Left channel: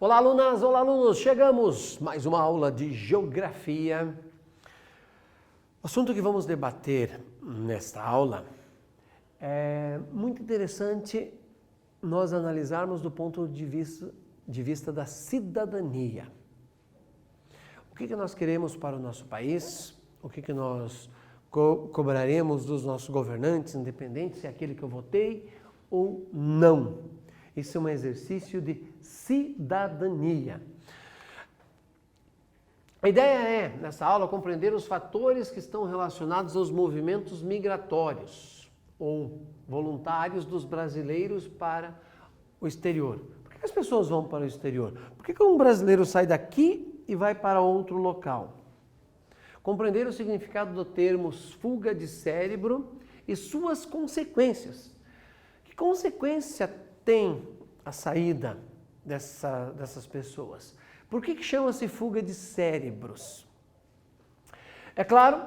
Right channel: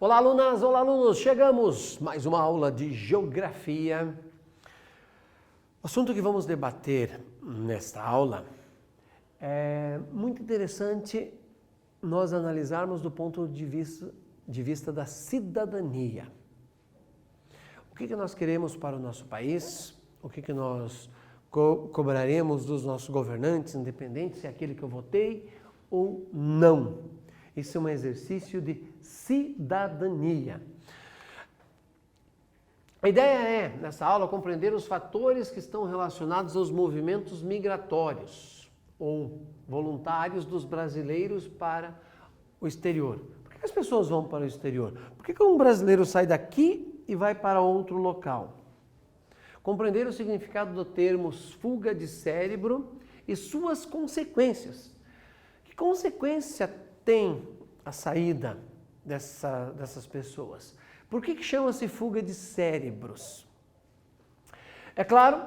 Olá, alunas, olá, alunos! Chegamos mais uma aula de Geografia. O assunto que vamos debater nesta aula é muito interessante nós analisarmos do ponto de vista da cidadania. O que nós queremos para o nosso país? O que nós cobraremos dos nossos governantes, independente se é aquele que eu votei ou não? Isso é um exercício de cidadania. A ideia é, nessa aula, compreender os fatores que estão relacionados aos movimentos migratórios ou voluntários dos brasileiros para o exterior. Por que as pessoas vão para o exterior? Por que um brasileiro sai daqui e vai para outro local? Compreender o significado do termo fuga de cérebro e suas consequências. Que consequência tem a saída dessas pessoas? Por que chama-se fuga de cérebros? É claro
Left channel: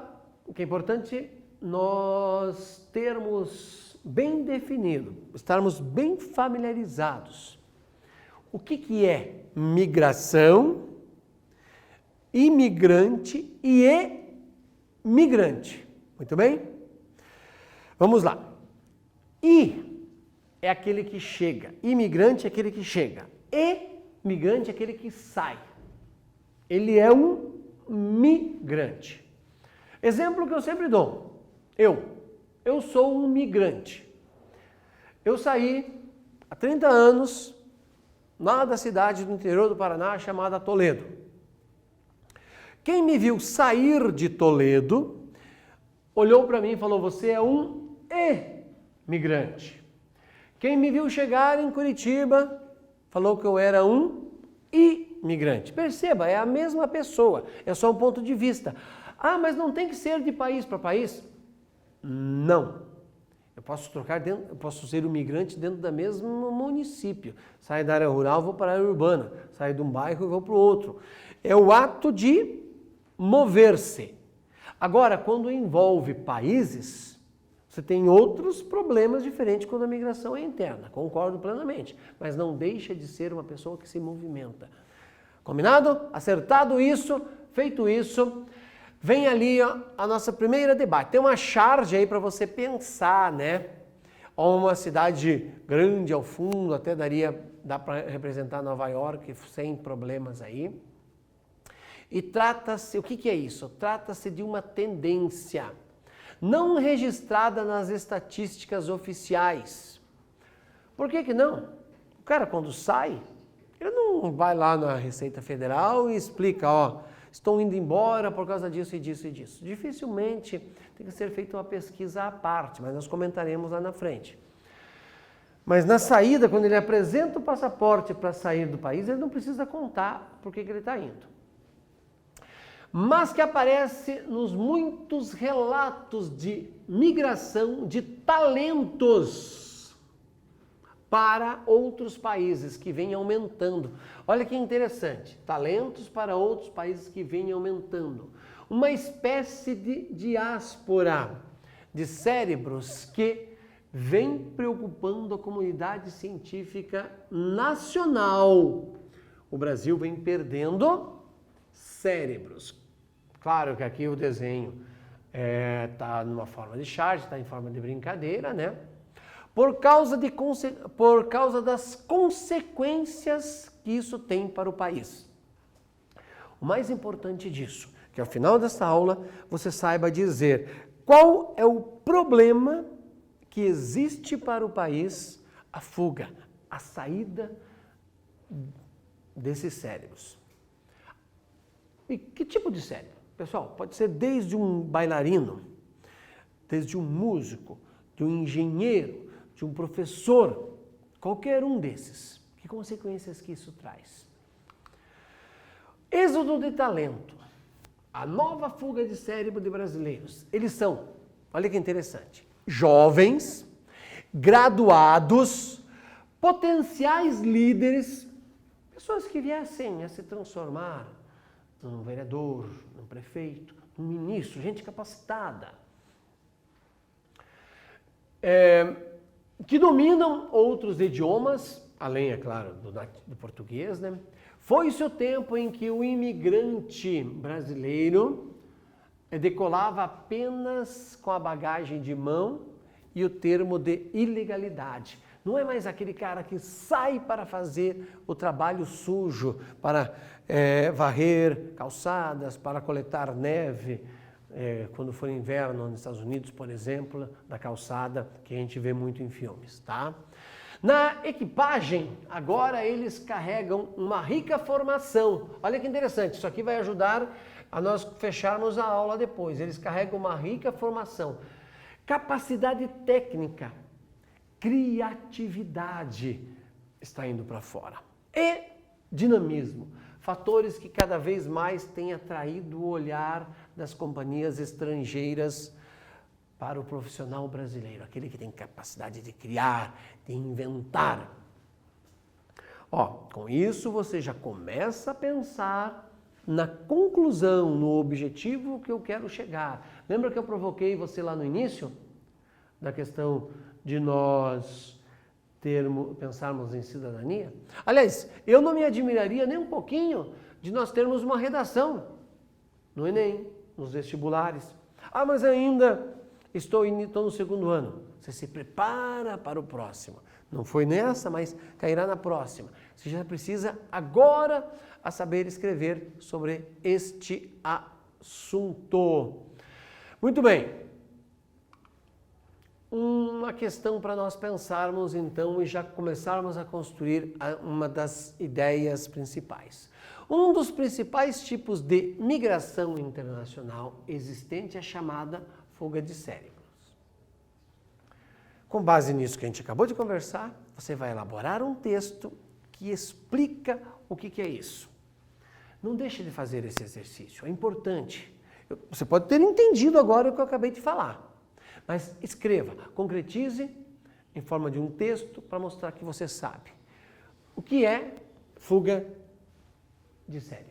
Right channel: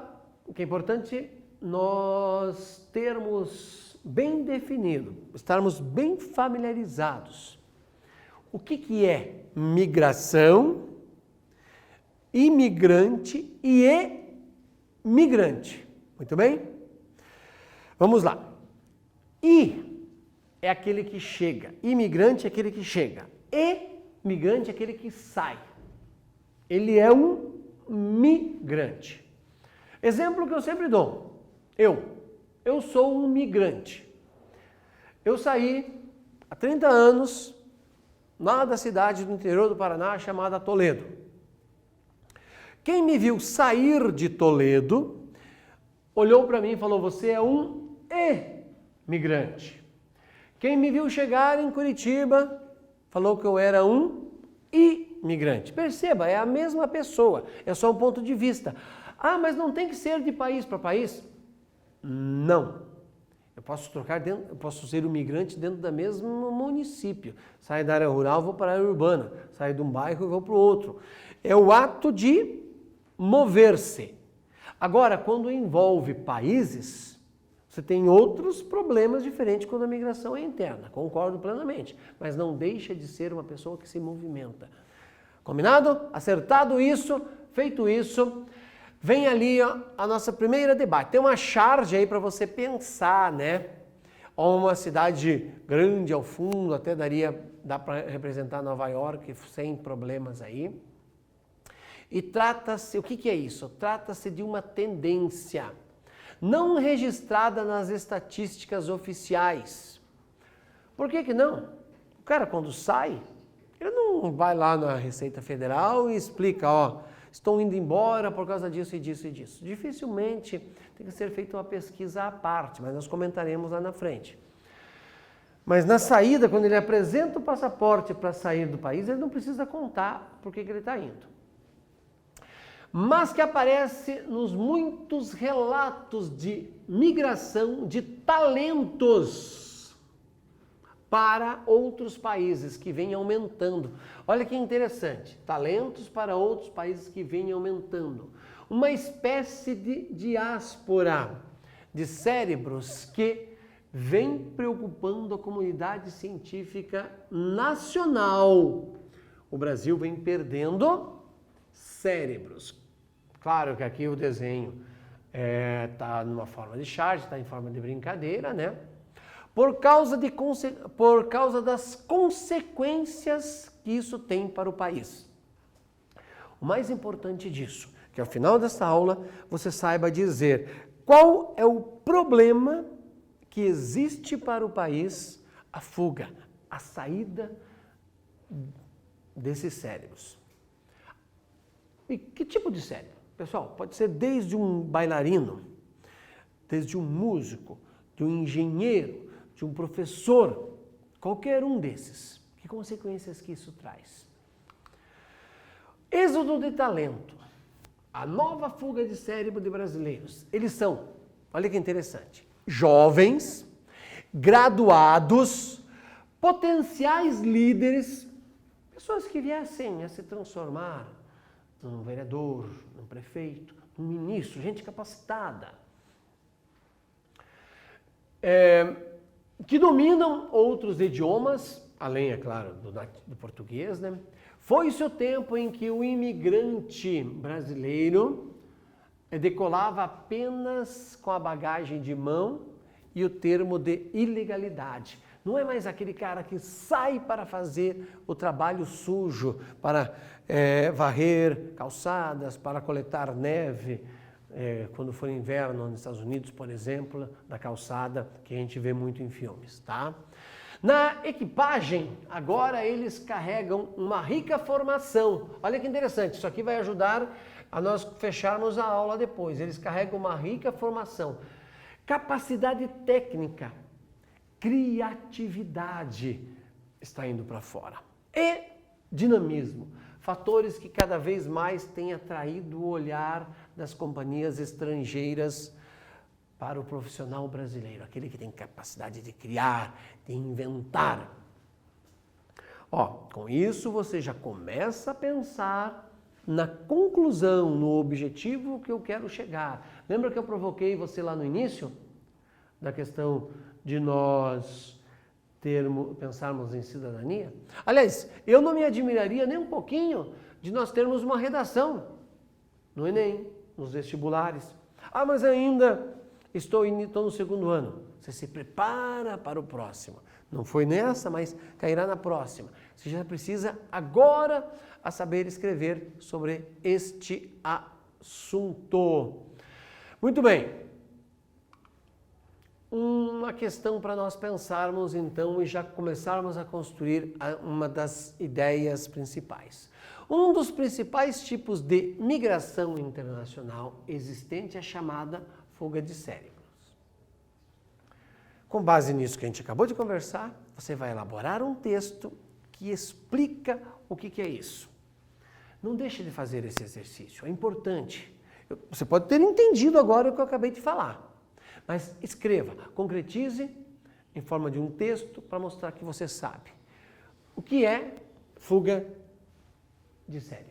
que é importante nós termos bem definido, estarmos bem familiarizados. O que é migração, imigrante e emigrante? Muito bem? Vamos lá. É aquele que chega. Imigrante é aquele que chega. Emigrante é aquele que sai. Ele é um migrante. Exemplo que eu sempre dou. Eu sou um migrante. Eu saí há 30 anos lá da cidade do interior do Paraná chamada Toledo. Quem me viu sair de Toledo olhou para mim e falou: você é um emigrante. Quem me viu chegar em Curitiba falou que eu era um imigrante. Perceba, é a mesma pessoa, é só um ponto de vista. Ah, mas não tem que ser de país para país? Não. Eu posso ser um migrante dentro do mesmo município. Saio da área rural, vou para a área urbana. Saio de um bairro e vou para o outro. É o ato de mover-se. Agora, quando envolve países, você tem outros problemas diferentes quando a migração é interna, concordo plenamente, mas não deixa de ser uma pessoa que se movimenta. Combinado? Acertado isso, feito isso, vem ali a nossa primeira debate. Tem uma charge aí para você pensar, né? Uma cidade grande ao fundo, até dá para representar Nova York sem problemas aí. E trata-se, o que é isso? Trata-se de uma tendência não registrada nas estatísticas oficiais. Por que não? O cara, quando sai, ele não vai lá na Receita Federal e explica, estou indo embora por causa disso e disso e disso. Dificilmente tem que ser feita uma pesquisa à parte, mas nós comentaremos lá na frente. Mas na saída, quando ele apresenta o passaporte para sair do país, ele não precisa contar por que ele está indo. Mas que aparece nos muitos relatos de migração de talentos para outros países que vem aumentando. Olha que interessante, talentos para outros países que vem aumentando. Uma espécie de diáspora de cérebros que vem preocupando a comunidade científica nacional. O Brasil vem perdendo cérebros. Claro que aqui o desenho está numa forma de charge, está em forma de brincadeira, né? Por causa das consequências que isso tem para o país. O mais importante disso, que ao final dessa aula você saiba dizer qual é o problema que existe para o país, a fuga, a saída desses cérebros. E que tipo de cérebro? Pessoal, pode ser desde um bailarino, desde um músico, de um engenheiro, de um professor, qualquer um desses. Que consequências que isso traz? Êxodo de talento. A nova fuga de cérebro de brasileiros. Eles são, olha que interessante, jovens, graduados, potenciais líderes, pessoas que viessem a se transformar num vereador, num prefeito, num ministro, gente capacitada. que dominam outros idiomas, além, é claro, do português, né? Foi-se o tempo em que o imigrante brasileiro decolava apenas com a bagagem de mão e o termo de ilegalidade. Não é mais aquele cara que sai para fazer o trabalho sujo, para varrer calçadas, para coletar neve, quando for inverno nos Estados Unidos, por exemplo, da calçada, que a gente vê muito em filmes, tá? Na equipagem, agora eles carregam uma rica formação. Olha que interessante, isso aqui vai ajudar a nós fecharmos a aula depois. Eles carregam uma rica formação, capacidade técnica, criatividade está indo para fora. E dinamismo, fatores que cada vez mais têm atraído o olhar das companhias estrangeiras para o profissional brasileiro, aquele que tem capacidade de criar, de inventar. Com isso você já começa a pensar na conclusão, no objetivo que eu quero chegar. Lembra que eu provoquei você lá no início? Da questão de nós pensarmos em cidadania? Aliás, eu não me admiraria nem um pouquinho de nós termos uma redação no Enem, nos vestibulares. Mas ainda estou no segundo ano. Você se prepara para o próximo. Não foi nessa, mas cairá na próxima. Você já precisa agora a saber escrever sobre este assunto. Muito bem. Uma questão para nós pensarmos então e já começarmos a construir uma das ideias principais. Um dos principais tipos de migração internacional existente é a chamada fuga de cérebros. Com base nisso que a gente acabou de conversar, você vai elaborar um texto que explica o que é isso. Não deixe de fazer esse exercício, é importante. Você pode ter entendido agora o que eu acabei de falar. Mas escreva, concretize em forma de um texto para mostrar que você sabe. O que é fuga de cérebros?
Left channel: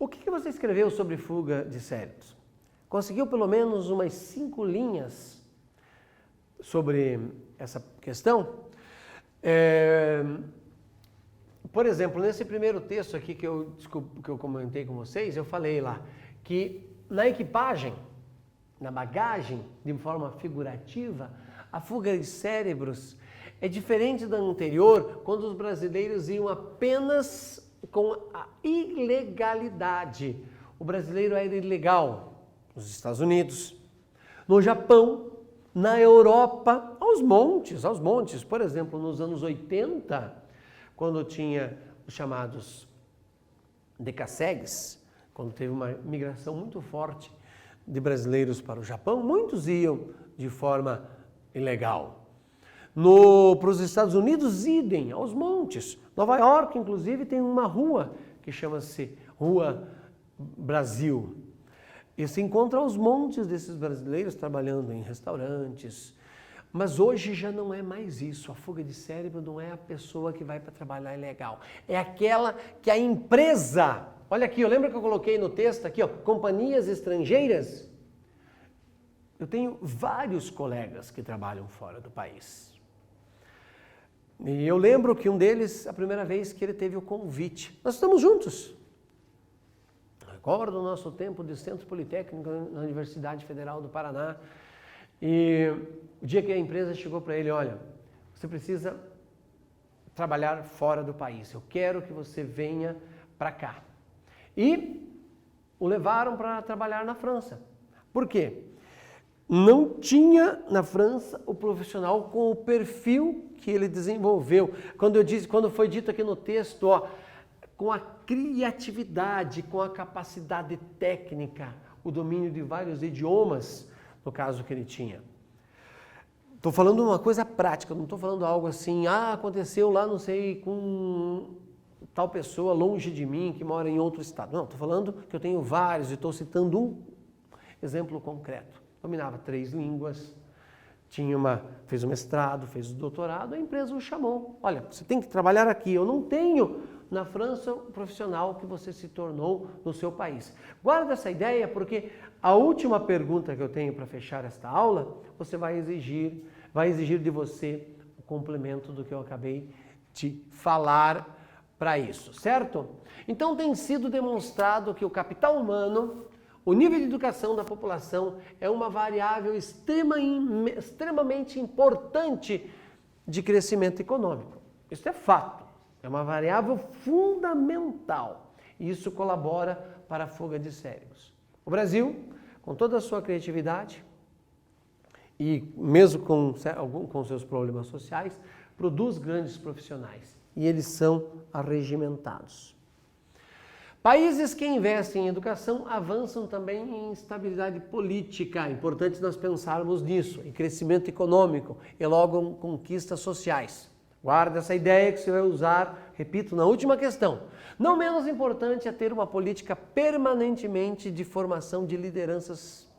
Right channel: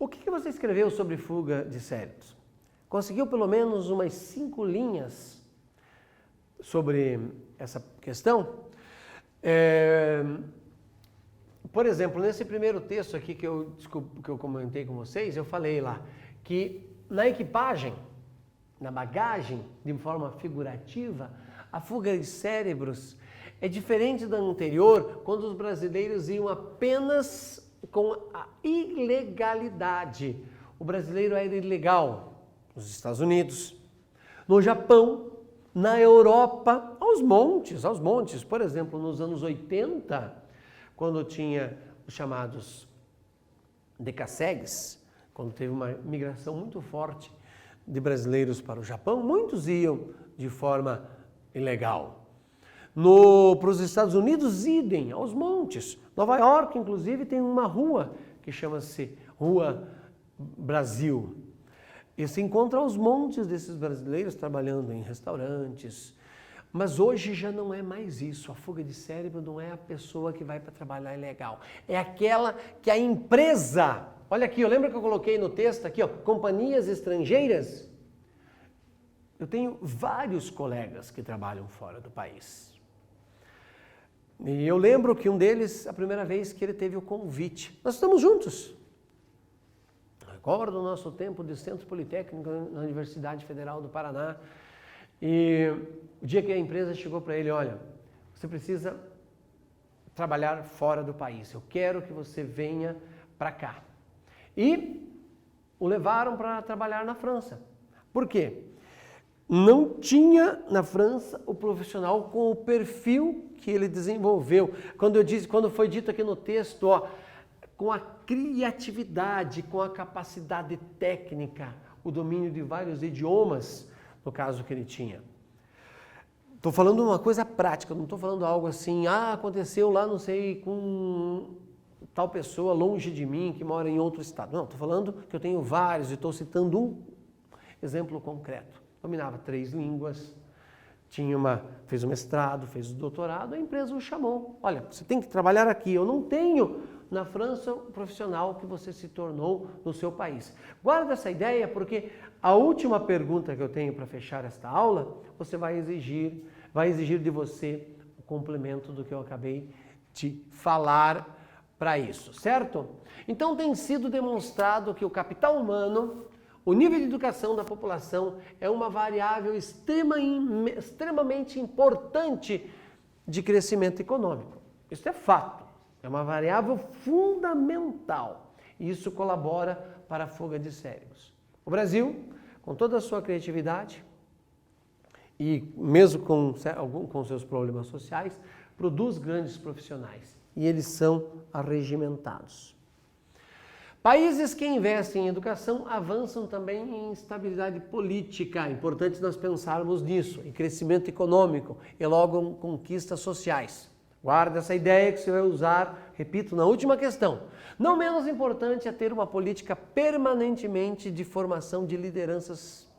O que você escreveu sobre fuga de cérebros? Conseguiu pelo menos umas 5 linhas sobre essa questão? Por exemplo, nesse primeiro texto aqui que eu comentei com vocês, eu falei lá que na equipagem, na bagagem, de forma figurativa, a fuga de cérebros é diferente da anterior, quando os brasileiros iam apenas com a ilegalidade. O brasileiro era ilegal nos Estados Unidos, no Japão, na Europa, aos montes. Por exemplo, nos anos 80, quando tinha os chamados decassegues, quando teve uma migração muito forte de brasileiros para o Japão, muitos iam de forma ilegal. Para os Estados Unidos, idem, aos montes. Nova York, inclusive, tem uma rua que chama-se Rua Brasil. E se encontra aos montes desses brasileiros trabalhando em restaurantes. Mas hoje já não é mais isso. A fuga de cérebro não é a pessoa que vai para trabalhar ilegal. É aquela que a empresa... Olha aqui, lembra que eu coloquei no texto aqui, ó, companhias estrangeiras? Eu tenho vários colegas que trabalham fora do país. E eu lembro que um deles, a primeira vez que ele teve o convite, nós estamos juntos. Recordo o nosso tempo de Centro Politécnico na Universidade Federal do Paraná. E o dia que a empresa chegou para ele, olha, você precisa trabalhar fora do país. Eu quero que você venha para cá. E o levaram para trabalhar na França. Por quê? Não tinha na França o profissional com o perfil que ele desenvolveu. Quando foi dito aqui no texto, ó, com a criatividade, com a capacidade técnica, o domínio de vários idiomas, no caso que ele tinha. Estou falando uma coisa prática, não estou falando algo assim, aconteceu lá, não sei, com tal pessoa longe de mim, que mora em outro estado. Não, estou falando que eu tenho vários e estou citando um exemplo concreto. Dominava 3 línguas, fez o mestrado, fez o doutorado, a empresa o chamou. Olha, você tem que trabalhar aqui, eu não tenho na França o profissional que você se tornou no seu país. Guarda essa ideia porque a última pergunta que eu tenho para fechar esta aula, você vai exigir de você o complemento do que eu acabei de falar para isso, certo? Então tem sido demonstrado que o capital humano, o nível de educação da população é uma variável extremamente importante de crescimento econômico. Isso é fato, é uma variável fundamental e isso colabora para a fuga de cérebros. O Brasil, com toda a sua criatividade e mesmo com seus problemas sociais, produz grandes profissionais e eles são arregimentados. Países que investem em educação avançam também em estabilidade política. É importante nós pensarmos nisso, em crescimento econômico e logo em conquistas sociais. Guarda essa ideia que você vai usar, repito, na última questão. Não menos importante é ter uma política permanentemente de formação de lideranças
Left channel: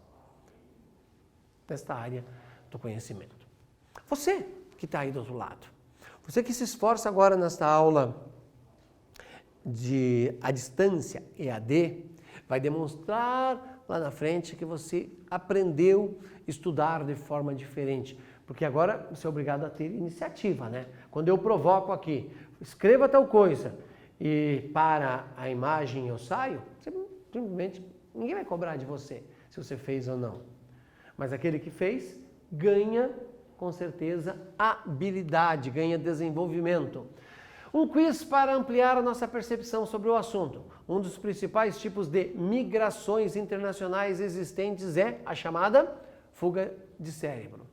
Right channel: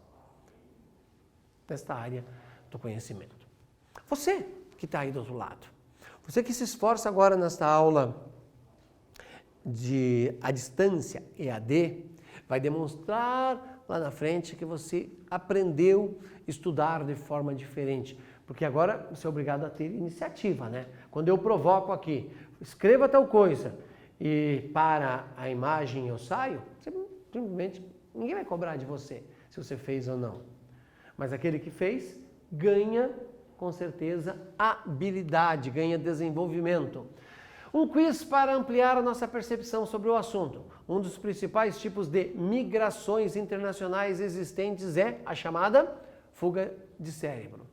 nesta área do conhecimento. Você que está aí do outro lado, você que se esforça agora nesta aula à distância, EAD, vai demonstrar lá na frente que você aprendeu a estudar de forma diferente. Porque agora você é obrigado a ter iniciativa, né? Quando eu provoco aqui, escreva tal coisa e para a imagem eu saio, simplesmente ninguém vai cobrar de você se você fez ou não. Mas aquele que fez ganha, com certeza, habilidade, ganha desenvolvimento. Um quiz para ampliar a nossa percepção sobre o assunto. Um dos principais tipos de migrações internacionais existentes é a chamada fuga de cérebro.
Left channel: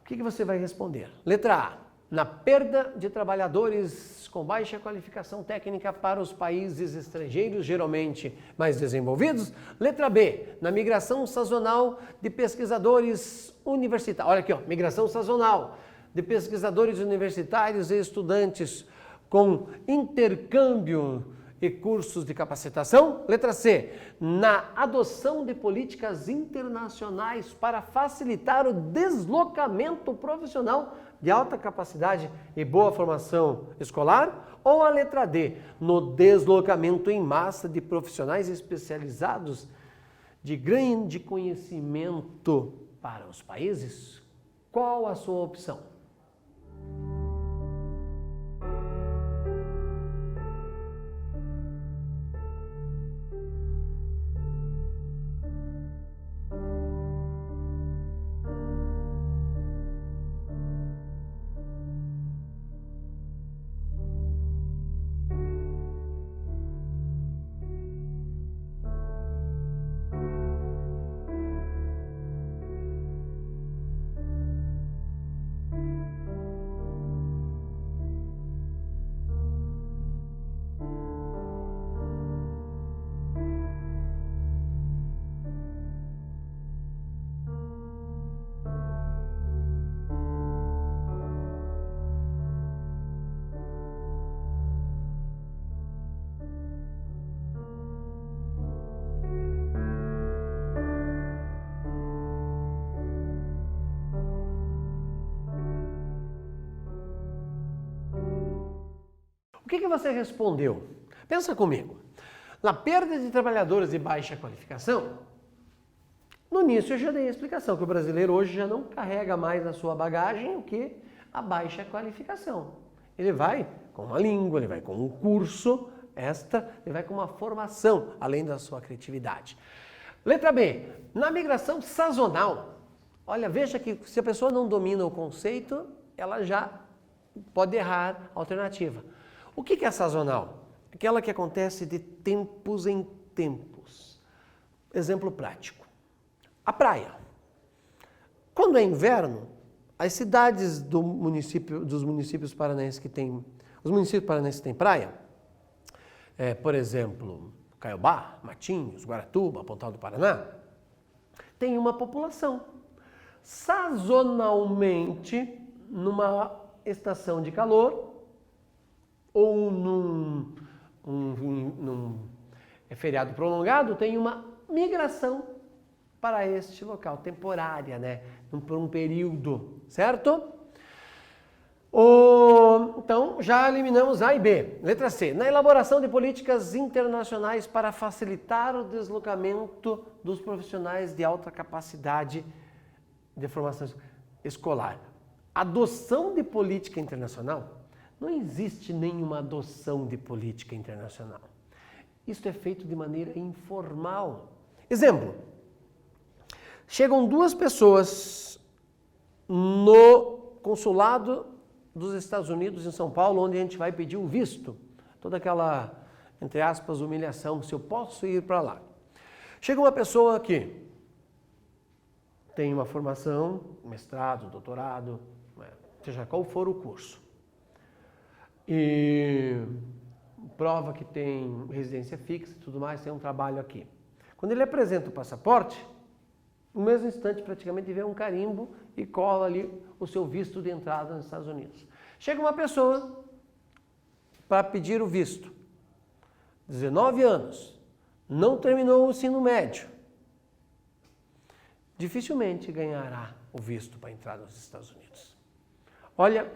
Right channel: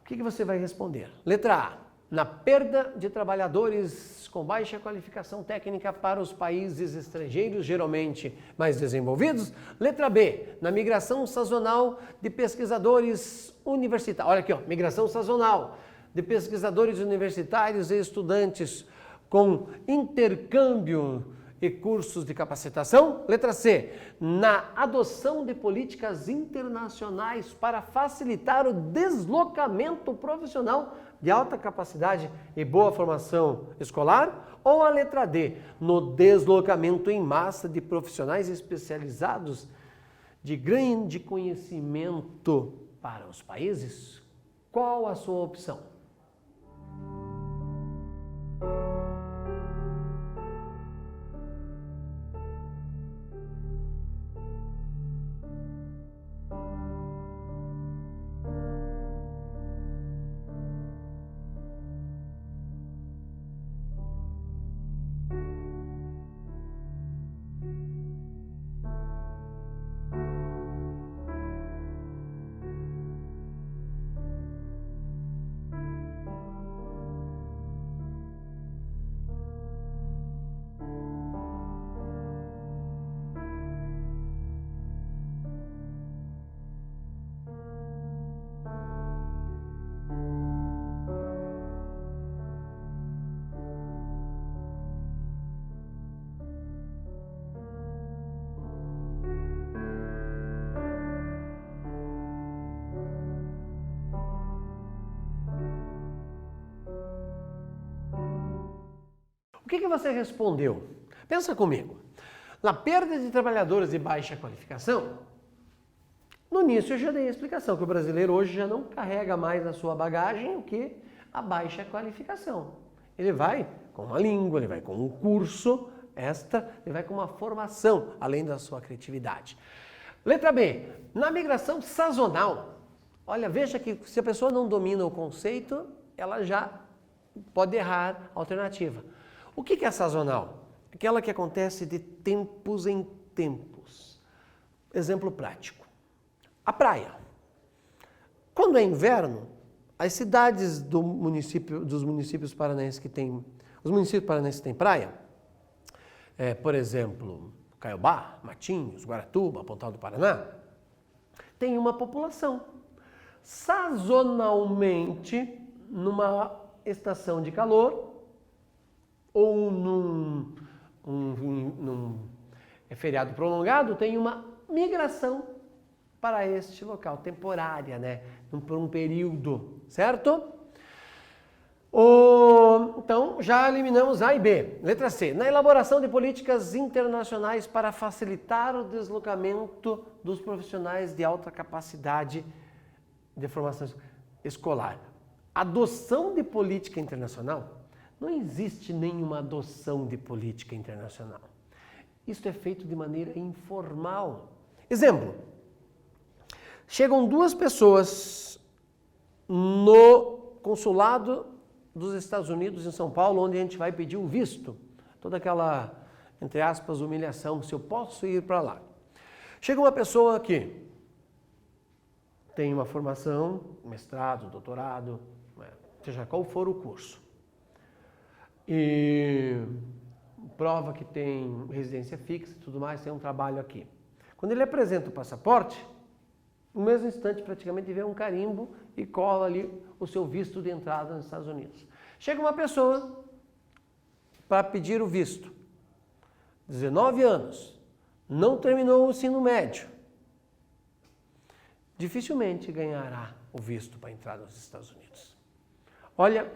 O que você vai responder? Letra A. Na perda de trabalhadores com baixa qualificação técnica para os países estrangeiros, geralmente mais desenvolvidos. Letra B. Na migração sazonal de pesquisadores universitários. Olha aqui, ó, migração sazonal de pesquisadores universitários e estudantes com intercâmbio e cursos de capacitação. Letra C. Na adoção de políticas internacionais para facilitar o deslocamento profissional de alta capacidade e boa formação escolar? Ou a letra D, no deslocamento em massa de profissionais especializados de grande conhecimento para os países? Qual a sua opção? O que você respondeu? Pensa comigo. Na perda de trabalhadores de baixa qualificação, no início eu já dei a explicação que o brasileiro hoje já não carrega mais na sua bagagem o que a baixa qualificação. Ele vai com uma língua, ele vai com um curso extra, ele vai com uma formação, além da sua criatividade. Letra B, na migração sazonal. Olha, veja que se a pessoa não domina o conceito, ela já pode errar a alternativa. O que é sazonal? Aquela que acontece de tempos em tempos. Exemplo prático. A praia. Quando é inverno, as cidades dos municípios paranaenses que têm... Os municípios paranaenses que têm praia, por exemplo, Caiobá, Matinhos, Guaratuba, Pontal do Paraná, tem uma população. Sazonalmente, numa estação de calor, ou num feriado prolongado, tem uma migração para este local, temporária, né? Por um período, certo? Então, já eliminamos A e B. Letra C. Na elaboração de políticas internacionais para facilitar o deslocamento dos profissionais de alta capacidade de formação escolar. Adoção de política internacional? Não existe nenhuma adoção de política internacional. Isso é feito de maneira informal. Exemplo. Chegam duas pessoas no consulado dos Estados Unidos em São Paulo, onde a gente vai pedir o visto. Toda aquela, entre aspas, humilhação, se eu posso ir para lá. Chega uma pessoa que tem uma formação, mestrado, doutorado, seja qual for o curso. E prova que tem residência fixa e tudo mais, tem um trabalho aqui. Quando ele apresenta o passaporte, no mesmo instante praticamente vê um carimbo e cola ali o seu visto de entrada nos Estados Unidos. Chega uma pessoa para pedir o visto, 19 anos, não terminou o ensino médio, dificilmente ganhará o visto para entrar nos Estados Unidos. Olha,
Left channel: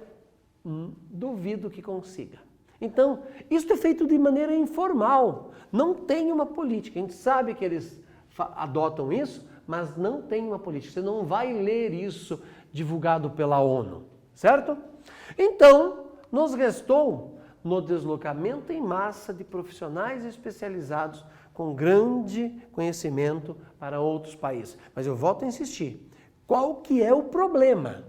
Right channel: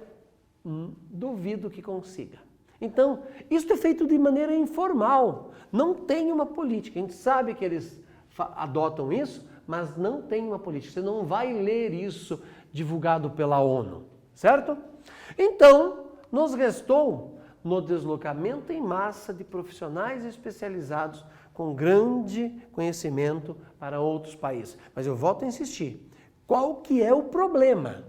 duvido que consiga. Então, isso é feito de maneira informal. Não tem uma política. A gente sabe que eles adotam isso, mas não tem uma política. Você não vai ler isso divulgado pela ONU, certo? Então, nos restou no deslocamento em massa de profissionais especializados com grande conhecimento para outros países. Mas eu volto a insistir. Qual que é o problema?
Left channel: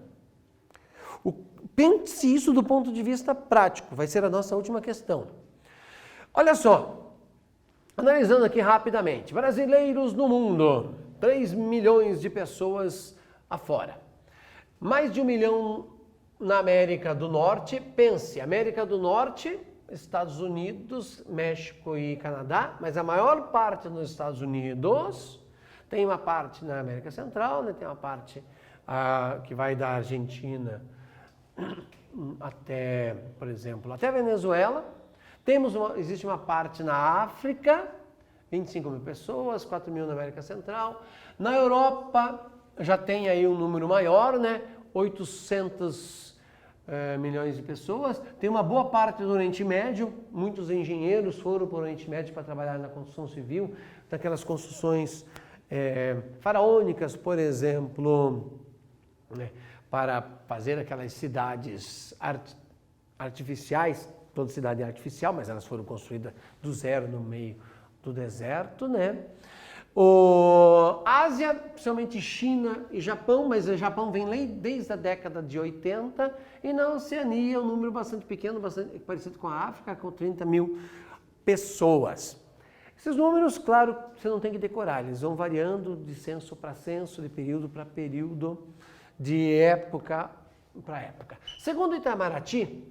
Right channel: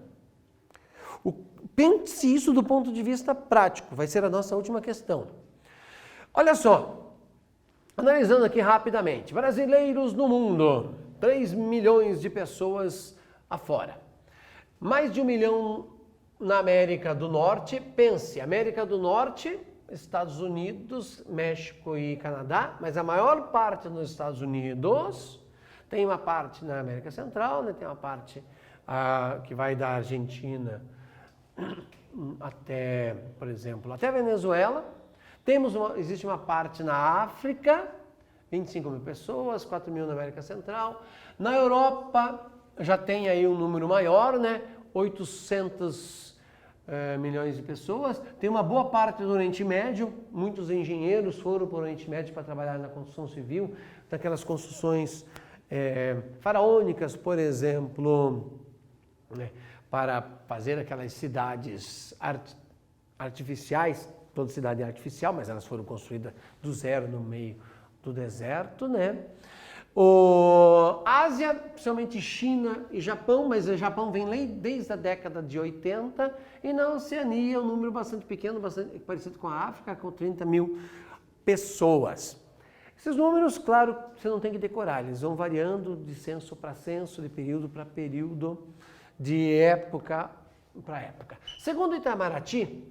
Pense isso do ponto de vista prático, vai ser a nossa última questão. Olha só, analisando aqui rapidamente, brasileiros no mundo, 3 milhões de pessoas afora. Mais de 1 milhão na América do Norte, pense, América do Norte, Estados Unidos, México e Canadá, mas a maior parte nos Estados Unidos, tem uma parte na América Central, né, tem uma parte que vai da Argentina até, por exemplo, até a Venezuela. Existe uma parte na África, 25 mil pessoas, 4 mil na América Central. Na Europa já tem aí um número maior, né? 800 milhões de pessoas. Tem uma boa parte do Oriente Médio, muitos engenheiros foram para o Oriente Médio para trabalhar na construção civil, daquelas construções faraônicas, por exemplo, né, para fazer aquelas cidades artificiais, toda cidade é artificial, mas elas foram construídas do zero no meio do deserto, né? Ásia, principalmente China e Japão, mas o Japão vem desde a década de 80, e na Oceania um número bastante pequeno, bastante parecido com a África, com 30 mil pessoas. Esses números, claro, você não tem que decorar, eles vão variando de censo para censo, de período para período, de época para época. Segundo Itamaraty,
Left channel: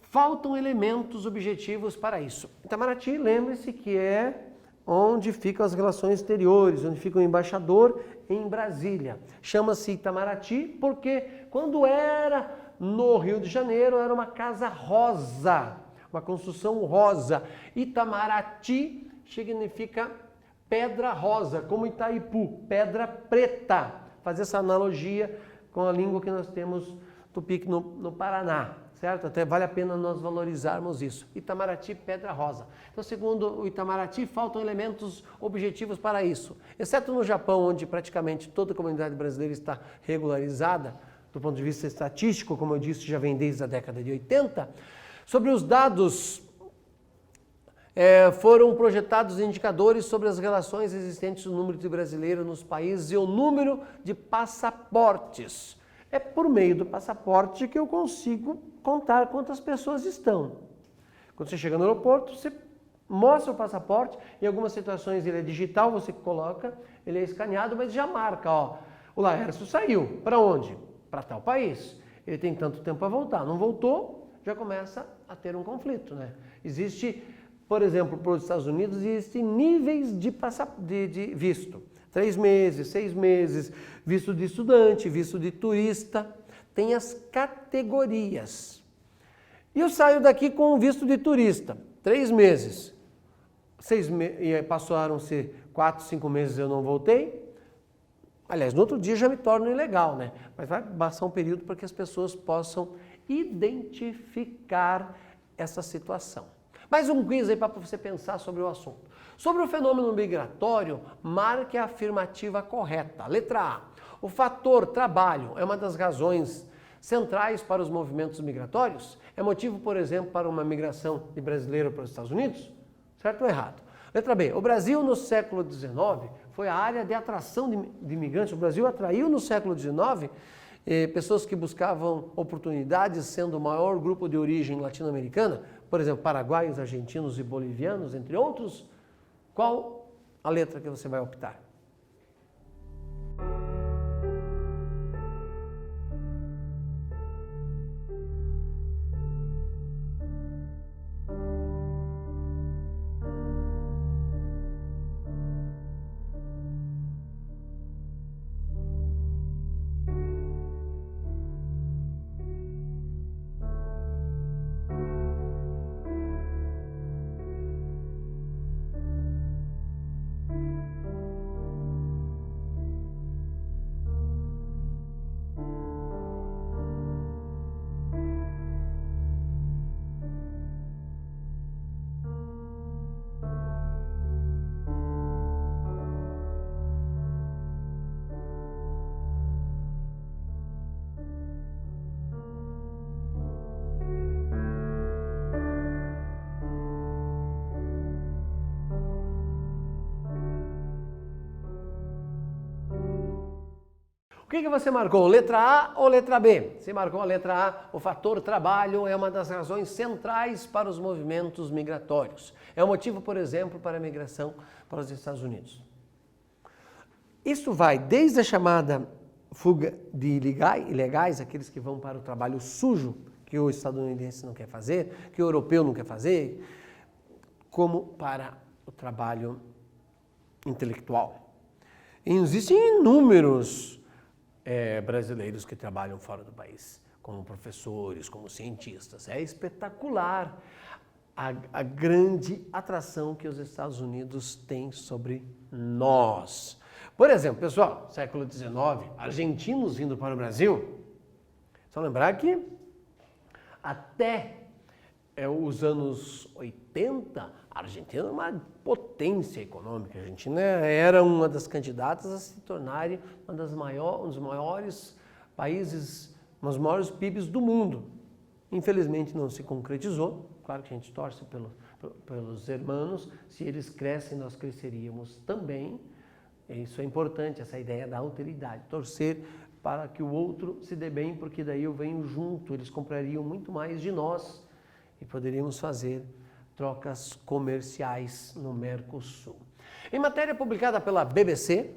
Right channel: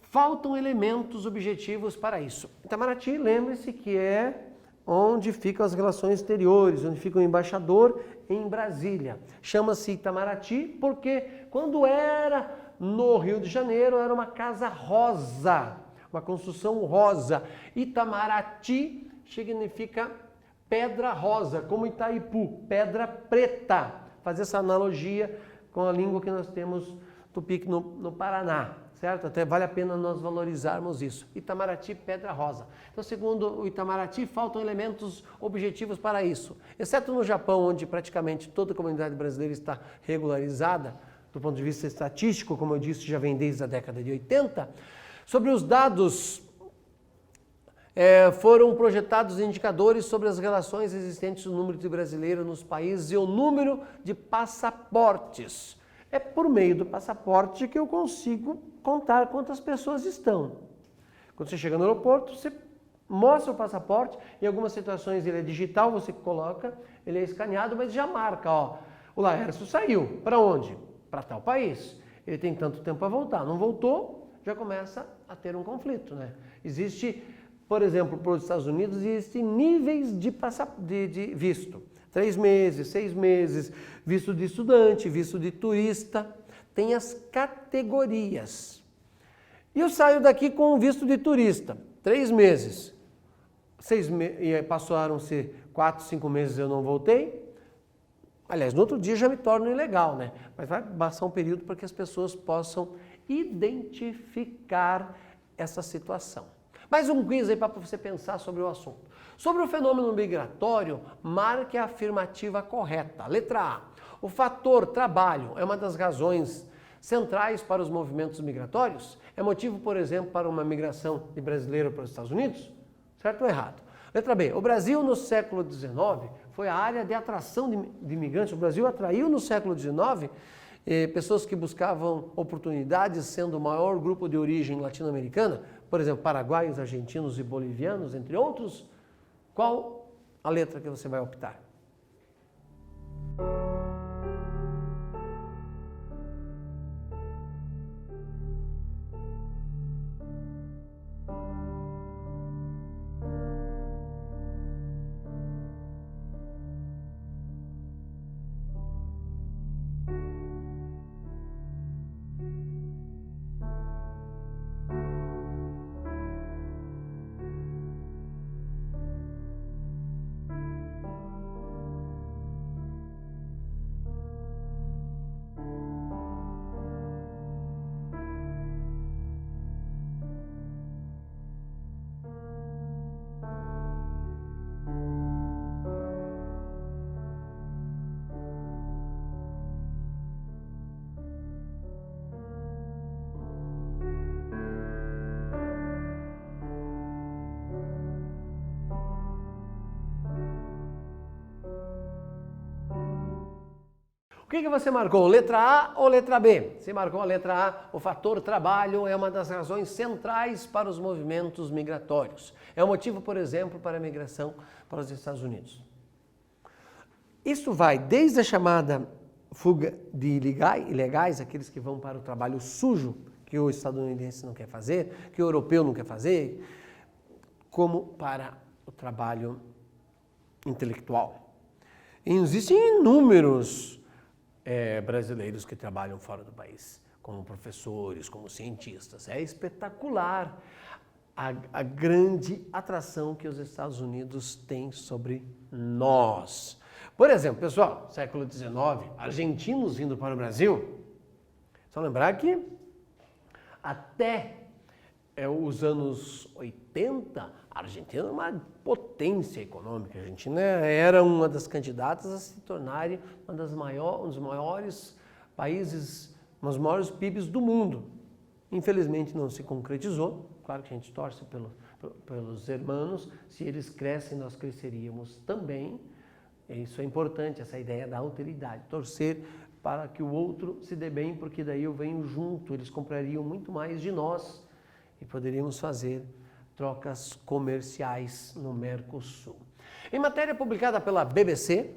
faltam elementos objetivos para isso. Itamaraty, lembre-se que é onde ficam as relações exteriores, onde fica o embaixador em Brasília. Chama-se Itamaraty porque quando era no Rio de Janeiro era uma casa rosa, uma construção rosa. Itamaraty significa pedra rosa, como Itaipu, pedra preta. Fazer essa analogia com a língua que nós temos tupi no Paraná, certo? Até vale a pena nós valorizarmos isso. Itamaraty, pedra rosa. Então, segundo o Itamaraty, faltam elementos objetivos para isso. Exceto no Japão, onde praticamente toda a comunidade brasileira está regularizada, do ponto de vista estatístico, como eu disse, já vem desde a década de 80. Sobre os dados, foram projetados indicadores sobre as relações existentes no número de brasileiros nos países e o número de passaportes. É por meio do passaporte que eu consigo contar quantas pessoas estão. Quando você chega no aeroporto, você mostra o passaporte, em algumas situações ele é digital, você coloca, ele é escaneado, mas já marca, ó, o Laércio saiu, para onde? Para tal país. Ele tem tanto tempo para voltar, não voltou, já começa a ter um conflito, né? Existe, por exemplo, para os Estados Unidos, existem níveis de visto. 3 meses, 6 meses, visto de estudante, visto de turista, tem as categorias. E eu saio daqui com visto de turista, 3 meses, e passaram-se 4, 5 meses eu não voltei. Aliás, no outro dia já me torno ilegal, né? Mas vai passar um período para que as pessoas possam identificar essa situação. Mais um quiz aí para você pensar sobre o assunto. Sobre o fenômeno migratório, marque a afirmativa correta. Letra A. O fator trabalho é uma das razões centrais para os movimentos migratórios? É motivo, por exemplo, para uma migração de brasileiro para os Estados Unidos? Certo ou errado? Letra B. O Brasil no século XIX foi a área de atração de imigrantes. O Brasil atraiu no século XIX pessoas que buscavam oportunidades, sendo o maior grupo de origem latino-americana, por exemplo, paraguaios, argentinos e bolivianos, entre outros. Qual a letra que você vai optar? O que você marcou? Letra A ou letra B? Você marcou a letra A, o fator trabalho é uma das razões centrais para os movimentos migratórios. É o motivo, por exemplo, para a migração para os Estados Unidos. Isso vai desde a chamada fuga de ilegais, aqueles que vão para o trabalho sujo, que o estadunidense não quer fazer, que o europeu não quer fazer, como para o trabalho intelectual. E existem inúmeros brasileiros que trabalham fora do país, como professores, como cientistas. É espetacular a grande atração que os Estados Unidos têm sobre nós. Por exemplo, pessoal, século XIX, argentinos vindo para o Brasil. Só lembrar que Até os anos 80, a Argentina era uma potência econômica. A Argentina era uma das candidatas a se tornarem um dos maiores países, um dos maiores PIBs do mundo. Infelizmente não se concretizou. Claro que a gente torce pelos irmãos. Se eles crescem, nós cresceríamos também. Isso é importante, essa ideia da alteridade. Torcer para que o outro se dê bem, porque daí eu venho junto. Eles comprariam muito mais de nós e poderíamos fazer trocas comerciais no Mercosul. Em matéria publicada pela BBC,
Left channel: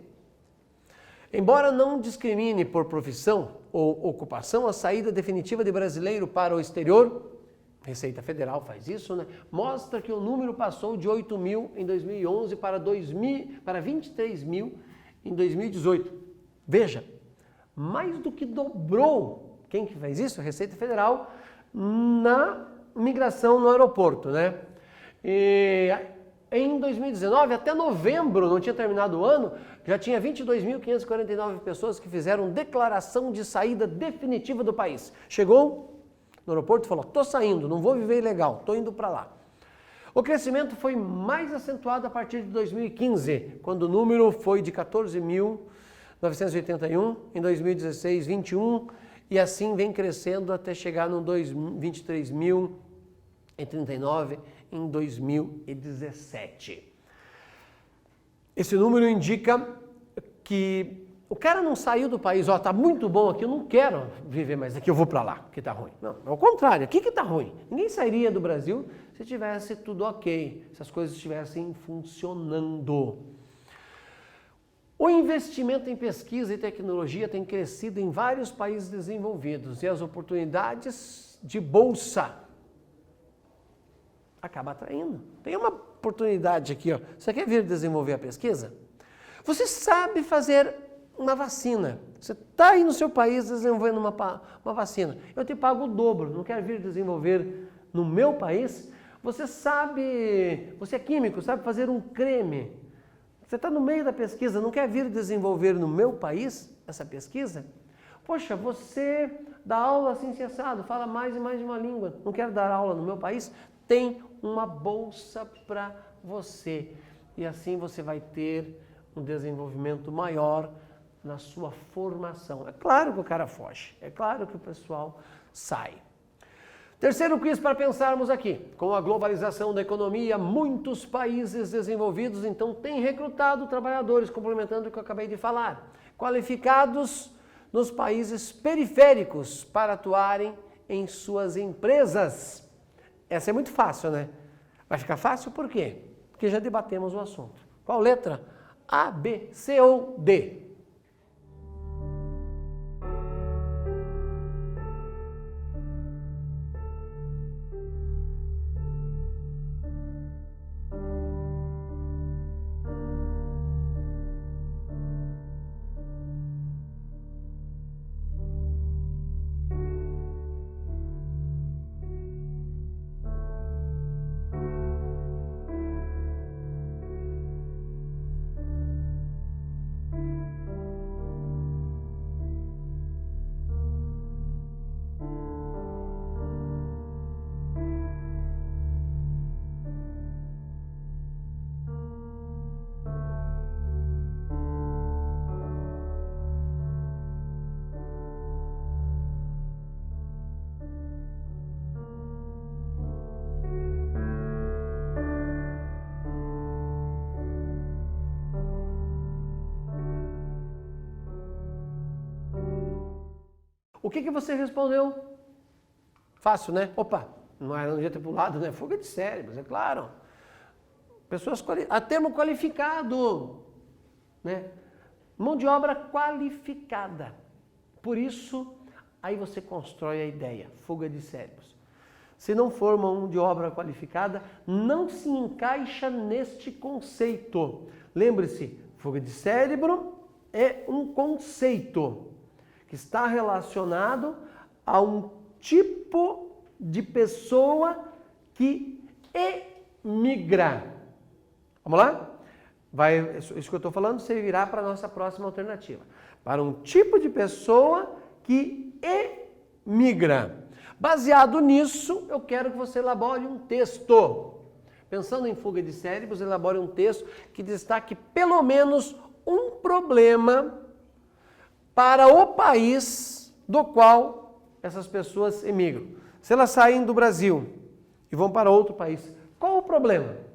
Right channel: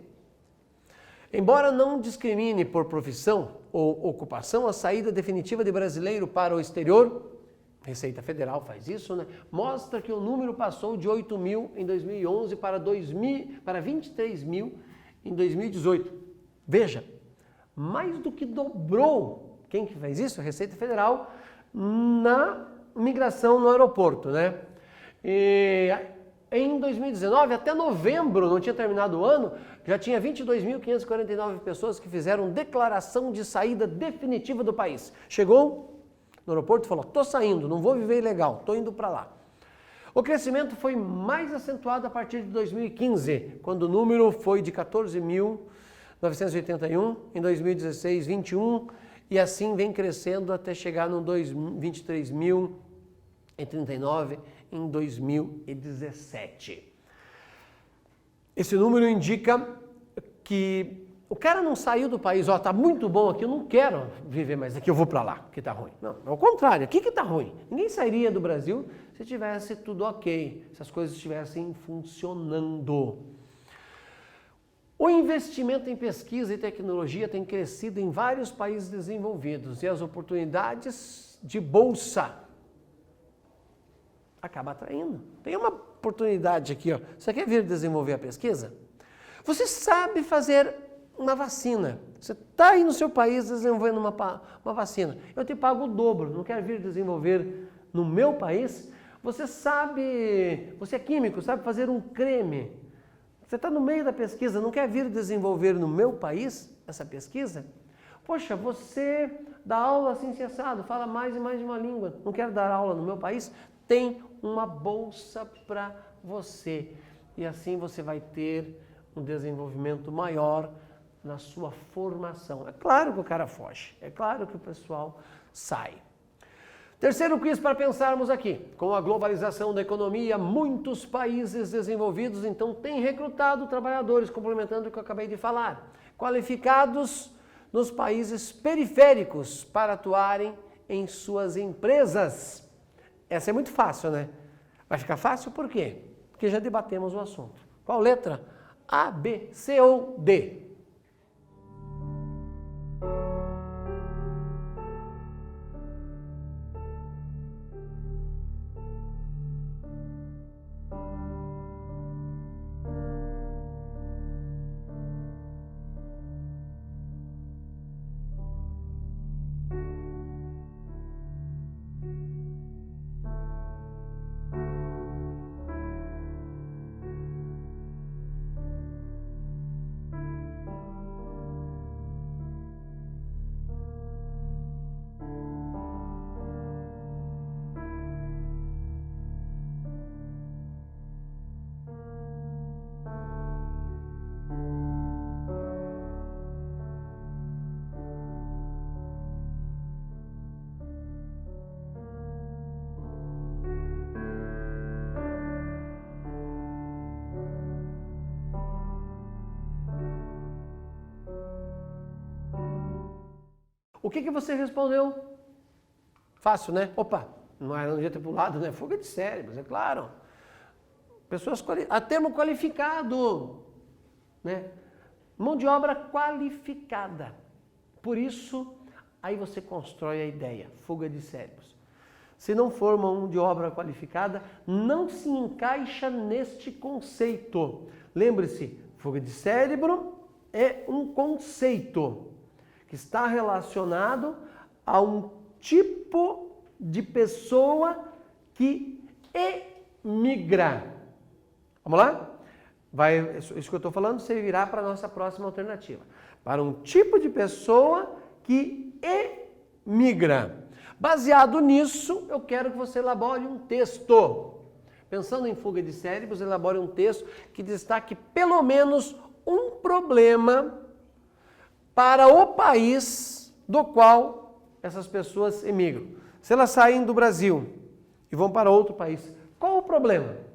embora não discrimine por profissão ou ocupação a saída definitiva de brasileiro para o exterior, Receita Federal faz isso, né? Mostra que o número passou de 8 mil em 2011 para 23 mil em 2018. Veja, mais do que dobrou. Quem que fez isso? A Receita Federal na migração no aeroporto, né? E em 2019, até novembro, não tinha terminado o ano, já tinha 22.549 pessoas que fizeram declaração de saída definitiva do país. Chegou no aeroporto e falou, estou saindo, não vou viver ilegal, estou indo para lá. O crescimento foi mais acentuado a partir de 2015, quando o número foi de 14.981, em 2016, 21, e assim vem crescendo até chegar no 23.039 em 2017. Esse número indica que o cara não saiu do país, tá muito bom aqui, eu não quero viver mais aqui, eu vou para lá, que tá ruim. Não, é o contrário, aqui que tá ruim. Ninguém sairia do Brasil se tivesse tudo ok, se as coisas estivessem funcionando. O investimento em pesquisa e tecnologia tem crescido em vários países desenvolvidos e as oportunidades de bolsa acabam atraindo. Tem uma oportunidade aqui, ó. Você quer vir desenvolver a pesquisa? Você sabe fazer uma vacina. Você está aí no seu país desenvolvendo uma vacina. Eu te pago o dobro. Não quer vir desenvolver no meu país? Você sabe, você é químico, sabe fazer um creme. Você está no meio da pesquisa, não quer vir desenvolver no meu país essa pesquisa? Poxa, você dá aula assim, assado, fala mais e mais de uma língua. Não quer dar aula no meu país? Tem uma bolsa para você. E assim você vai ter um desenvolvimento maior na sua formação. É claro que o cara foge, é claro que o pessoal sai. Terceiro quiz para pensarmos aqui. Com a globalização da economia, muitos países desenvolvidos então têm recrutado trabalhadores, complementando o que eu acabei de falar, qualificados nos países periféricos para atuarem em suas empresas. Essa é muito fácil, né? Vai ficar fácil por quê? Porque já debatemos o assunto. Qual letra? A, B, C ou D? O que você respondeu? Fácil, né? Opa, não devia ter pulado, né? Fuga de cérebros, é claro. Pessoas a termo qualificado, né? Mão de obra qualificada. Por isso, aí você constrói a ideia, fuga de cérebros. Se não for mão de obra qualificada, não se encaixa neste conceito. Lembre-se, fuga de cérebro é um conceito que está relacionado a um tipo de pessoa que emigra. Vamos lá? Isso que eu estou falando servirá para a nossa próxima alternativa. Para um tipo de pessoa que emigra. Baseado nisso, eu quero que você elabore um texto. Pensando em fuga de cérebros, elabore um texto que destaque pelo menos um problema para o país do qual essas pessoas emigram. Se elas saem do Brasil e vão para outro país, qual o problema?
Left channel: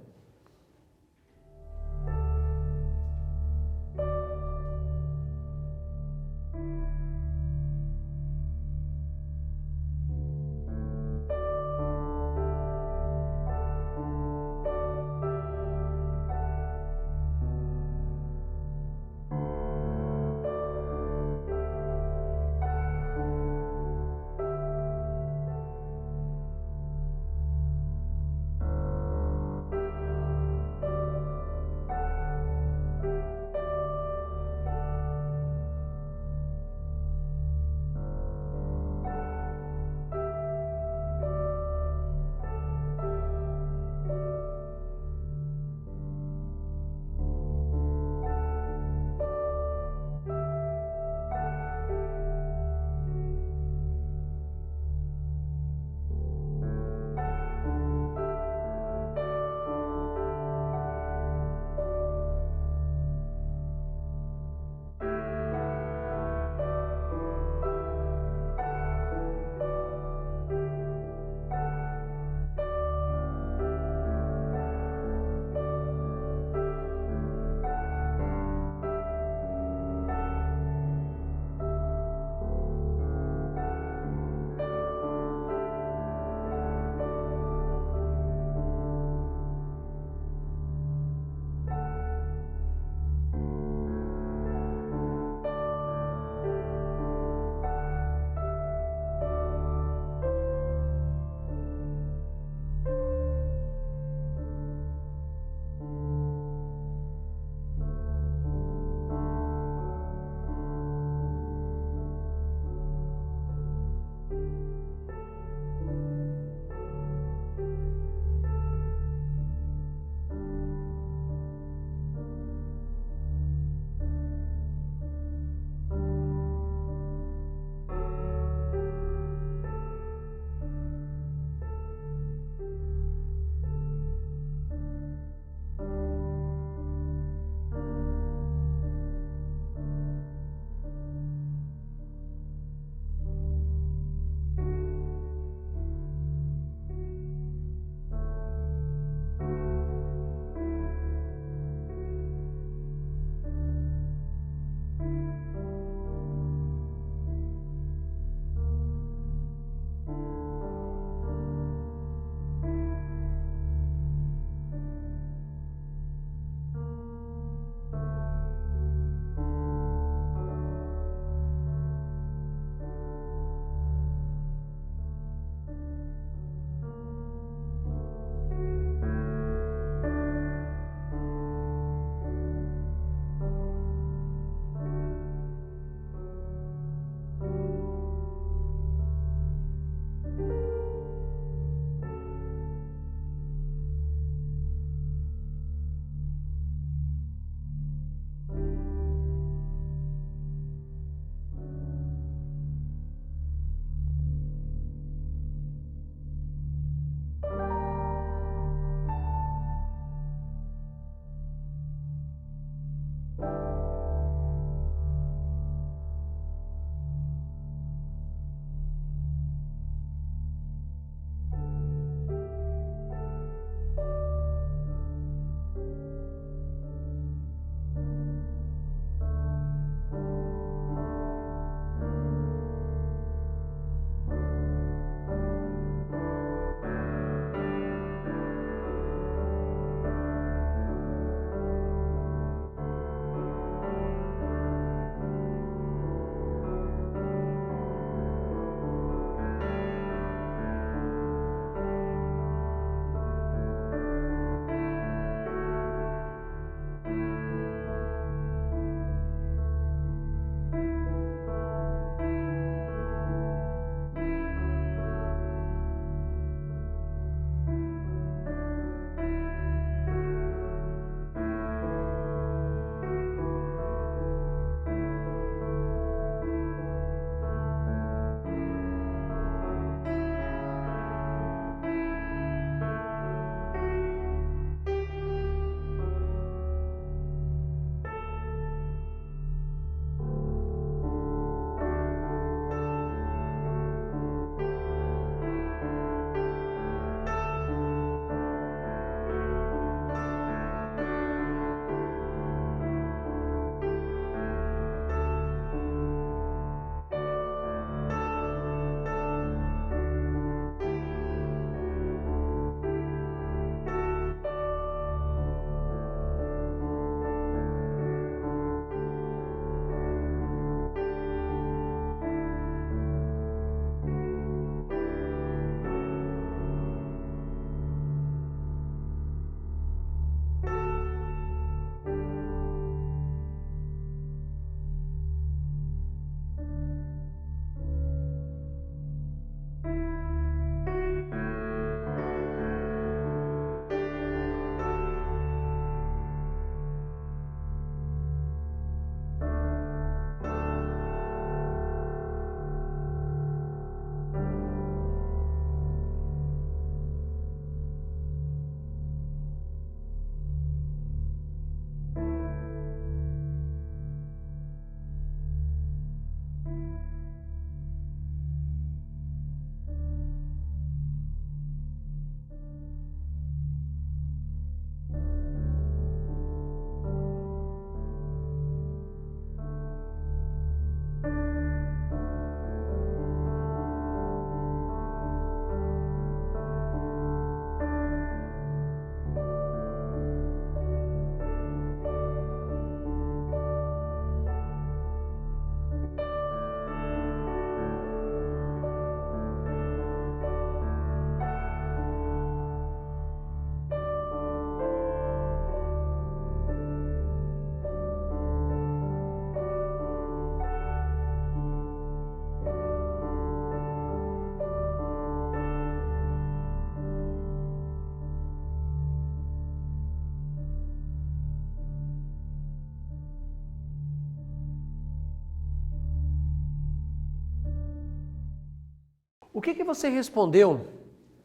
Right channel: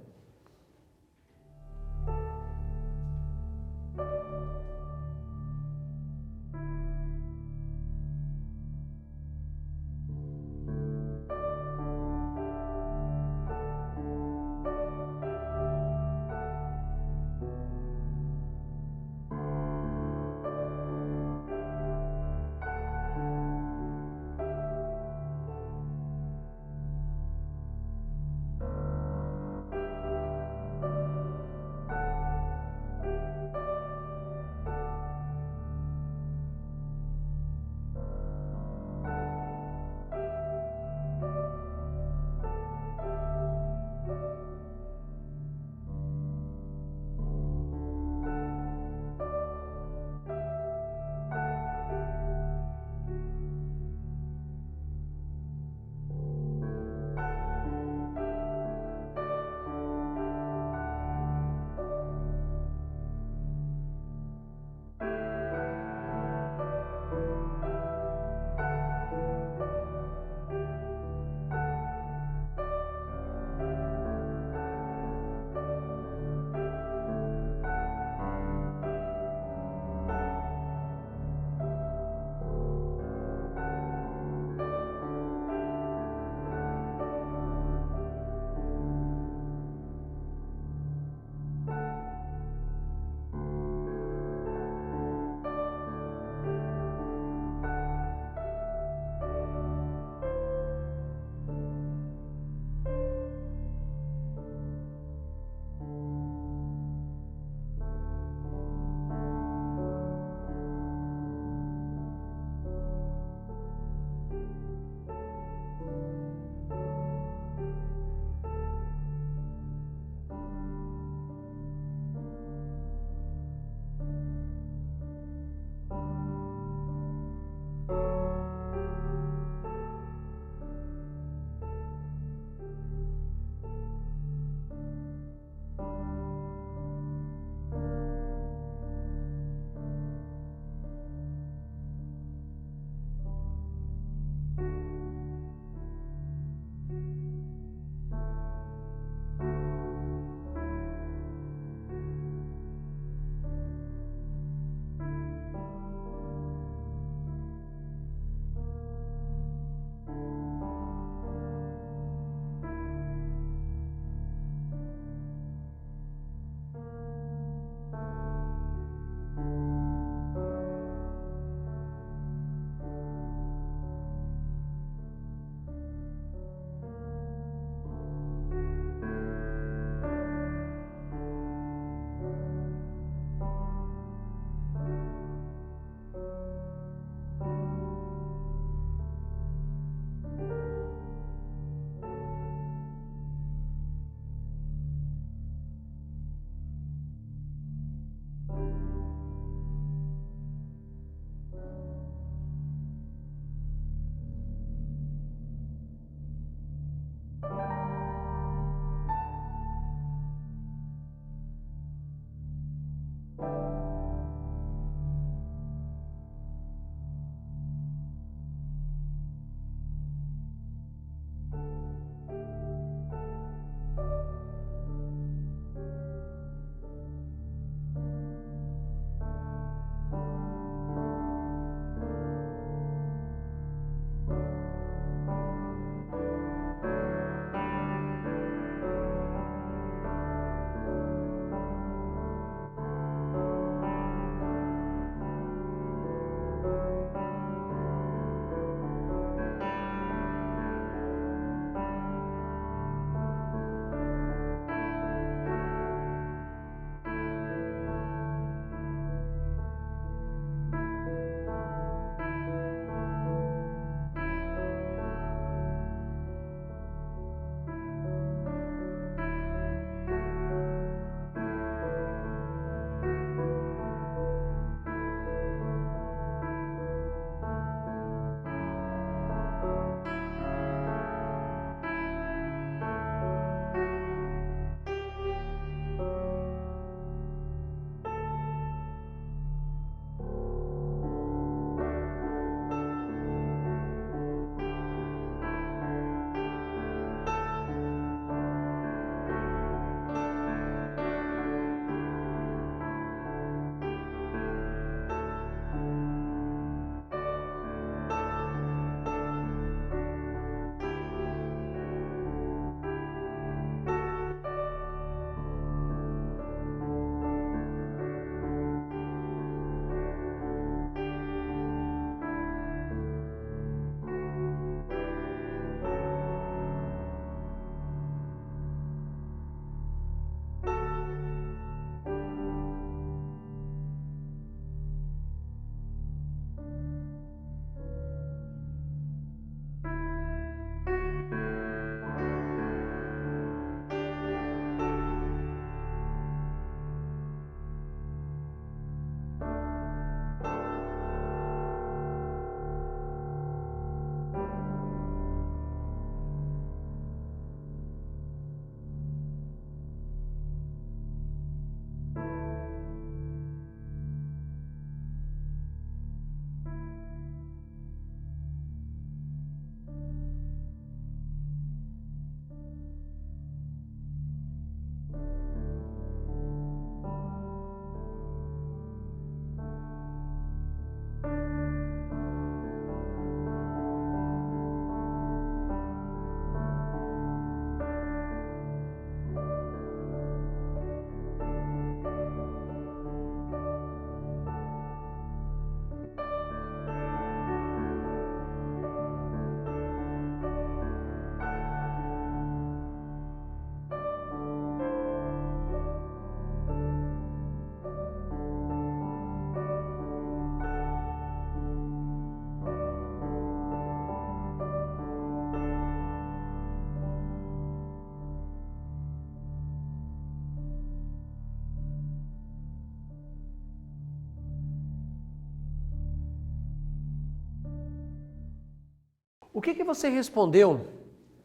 O que você respondeu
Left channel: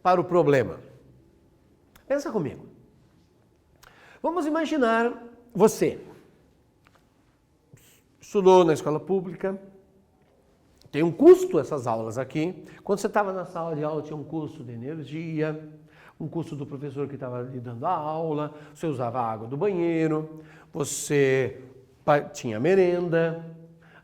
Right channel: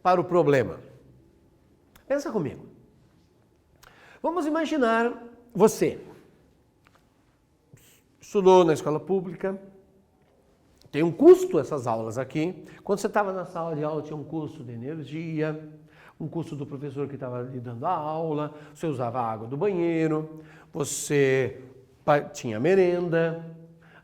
para o problema? Pensa comigo. Vamos imaginar você estudou na escola pública, tem um custo essas aulas aqui. Quando você estava na sala de aula tinha um custo de energia, um custo do professor que estava lhe dando a aula, você usava a água do banheiro, você tinha merenda,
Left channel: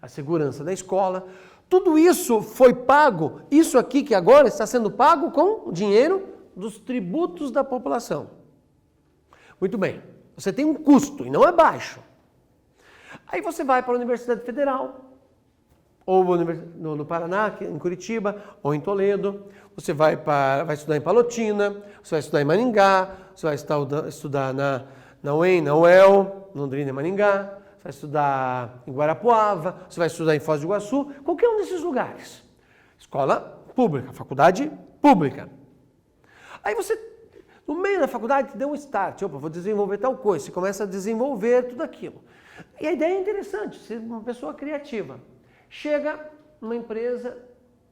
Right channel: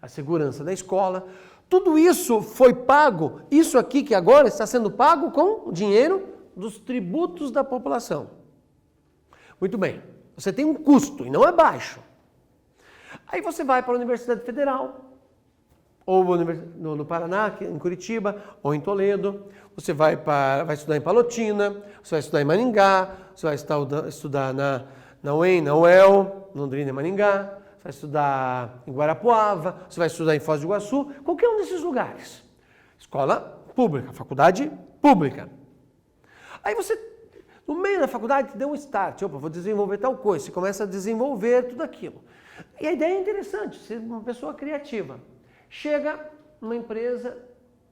a segurança da escola. Tudo isso foi pago, isso aqui que agora está sendo pago com o dinheiro dos tributos da população. Muito bem, você tem um custo e não é baixo. Aí você vai para a Universidade Federal, ou no Paraná, em Curitiba, ou em Toledo. Você vai estudar em Palotina, você vai estudar em Maringá, você vai estudar na UEM, na UEL, Londrina e Maringá, você vai estudar em Guarapuava, você vai estudar em Foz do Iguaçu, qualquer um desses lugares. Escola pública, faculdade pública. Aí você, no meio da faculdade, te deu um start. Opa, vou desenvolver tal coisa. Você começa a desenvolver tudo aquilo. E a ideia é interessante, ser uma pessoa criativa. Chega uma empresa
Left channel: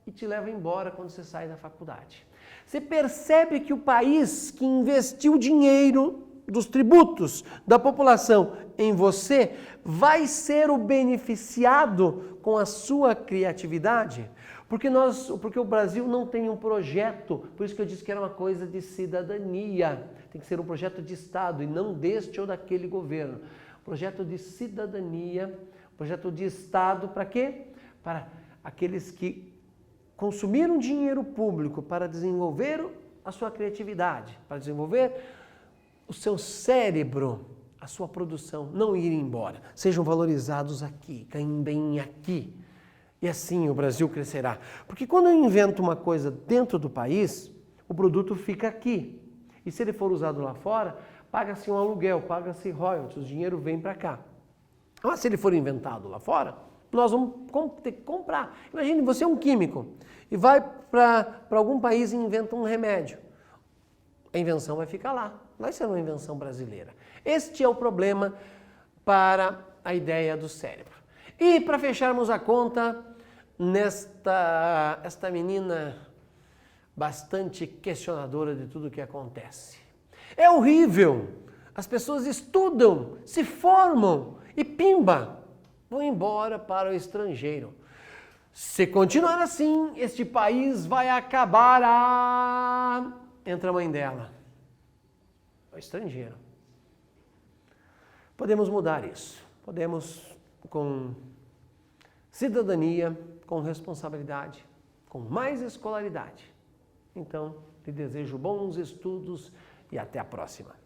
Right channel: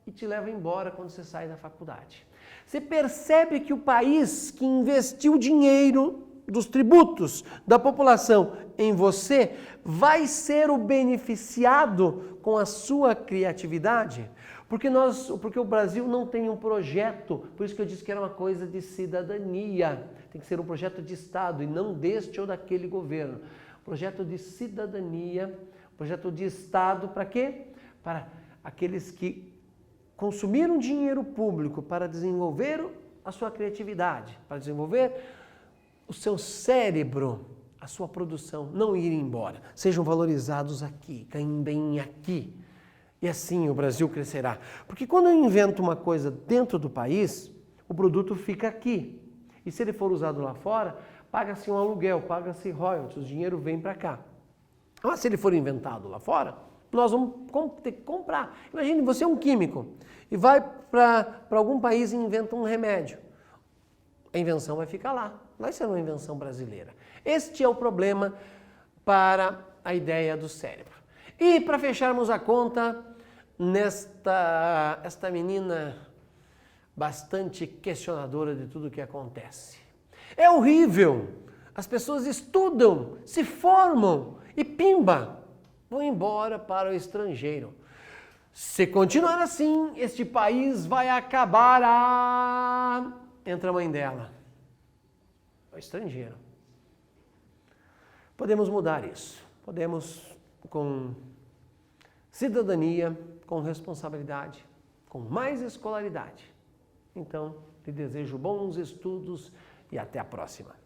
e te leva embora quando você sai da faculdade. Você percebe que o país que investiu dinheiro dos tributos da população em você vai ser o beneficiado com a sua criatividade? Porque o Brasil não tem um projeto, por isso que eu disse que era uma coisa de cidadania. Tem que ser um projeto de Estado e não deste ou daquele governo. Projeto de cidadania, projeto de Estado, para quê? Para aqueles que consumiram dinheiro público para desenvolver a sua criatividade, para desenvolver o seu cérebro, a sua produção, não ir embora. Sejam valorizados aqui, ganhem bem aqui. E assim o Brasil crescerá. Porque quando eu invento uma coisa dentro do país, o produto fica aqui. E se ele for usado lá fora, paga-se um aluguel, paga-se royalties, o dinheiro vem para cá. Mas se ele for inventado lá fora, nós vamos ter que comprar. Imagine, você é um químico e vai para algum país e inventa um remédio. A invenção vai ficar lá, não vai ser uma invenção brasileira. Este é o problema para a ideia do cérebro. E para fecharmos a conta, esta menina bastante questionadora de tudo o que acontece. É horrível. As pessoas estudam, se formam e pimba, vão embora para o estrangeiro. Se continuar assim, este país vai acabar. Entra a mãe dela, o estrangeiro. Podemos mudar isso. Podemos com cidadania, com responsabilidade, com mais escolaridade. Então, te desejo bons estudos e até a próxima.